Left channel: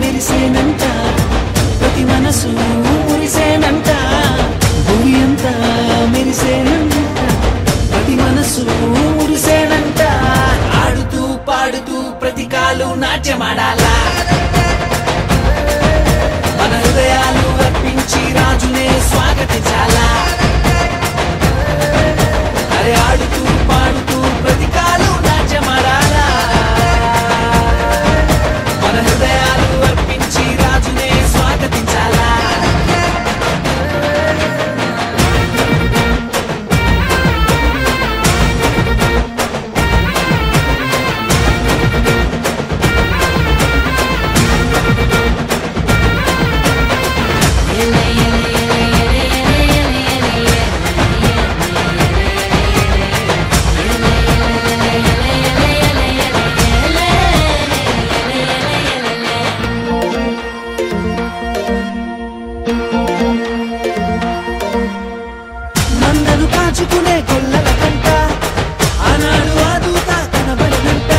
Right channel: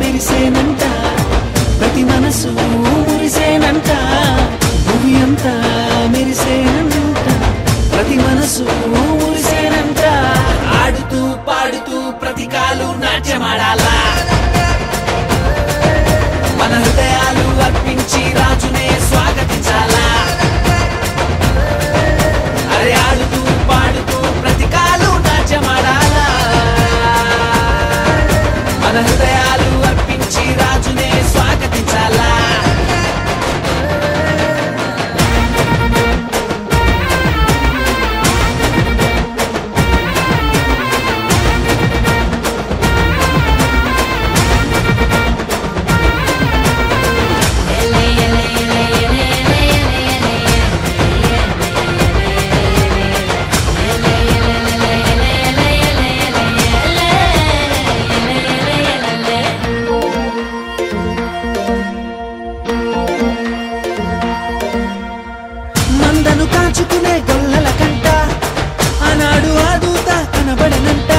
మెరిసేనంట ప్రతి మనసు మురిసేనంట భూమి అంతా మెరిసేనంట ప్రతి మనసు మురిసేనంట ఆడుతూ పాడుతూ ప్రతి కాలు నాట్యమాడాలా మన హృదయాలు అర్పించి రాజునే స్వాగతించాలా అరే ఆడుతూ పాడుతూ ప్రతి కాలు నాట్యమాడాలా మన హృదయాలు అర్పించి రాజునే స్వాగతించాలా మందను కాచుకునే గొల్లల కంట ఆనాడు ఆదూత కనబడనంట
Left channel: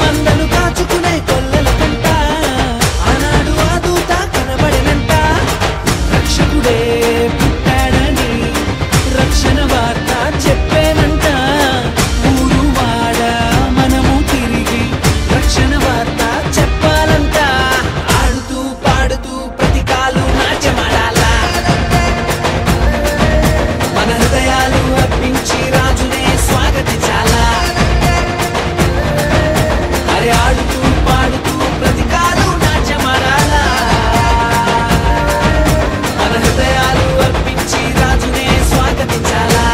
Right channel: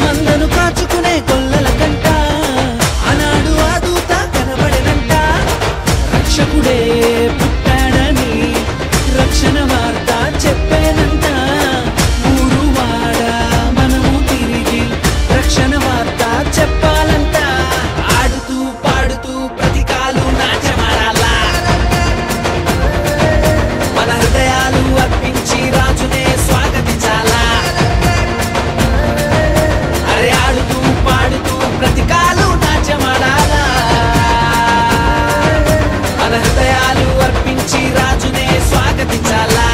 మందను కాచుకునే గొల్లల కంట ఆనాడు ఆదూత కనబడనంట రక్షకుడే పుట్టాడని రక్షణ వార్త చెప్పేనంట ఊరు వాడ మనము తిరిగి రక్షణ వార్త చెప్పాలంట ఆడుతూ పాడుతూ ప్రతి కాలు నాట్యమాడాలా మన హృదయాలు అర్పించి రాజునే స్వాగతించాలా అరే ఆడుతూ పాడుతూ ప్రతి కాలు నాట్యమాడాలా మన హృదయాలు అర్పించి రాజునే స్వాగతించాలా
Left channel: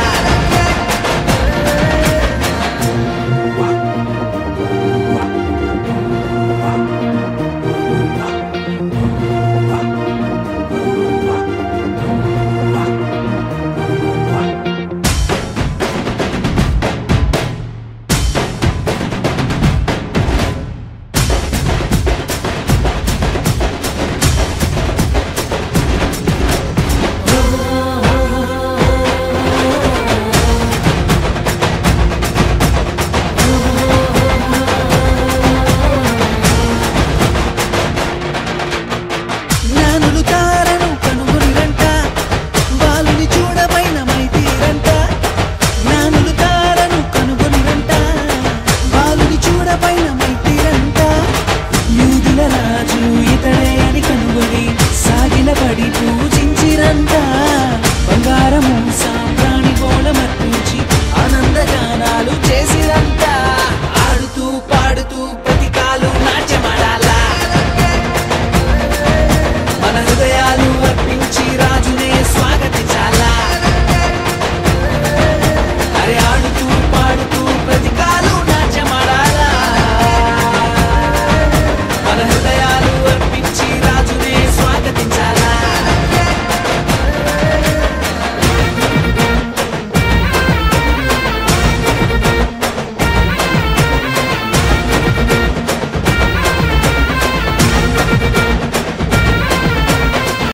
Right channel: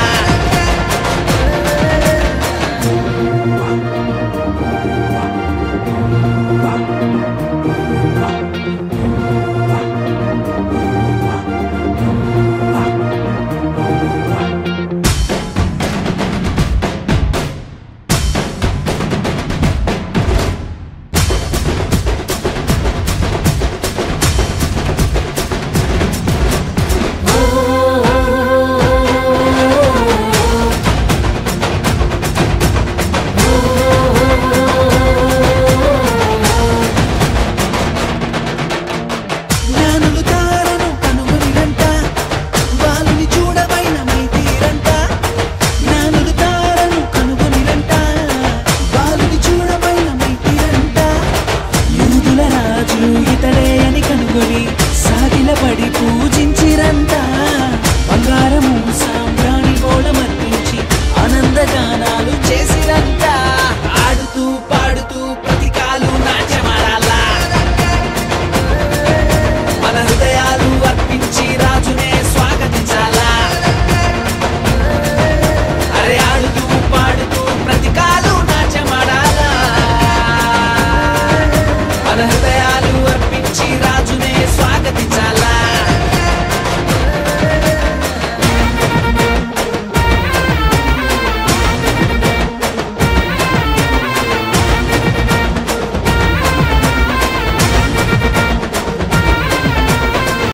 జ్ఞానులు తారను కనుగొనిరంట బాలుని చూడబైన మైతీరంట జ్ఞానులు తారను కనుగొనిరంట బాలుని చూడబైన మైతీరంట యూదుల రాజు ఇతడే అని కనుగొని సాగిలపడి పూజించిరంట బంగారము సాంబ్రాణి గోళమర్పించి ఆనందగానాలు చేసిరంట ఆడుతూ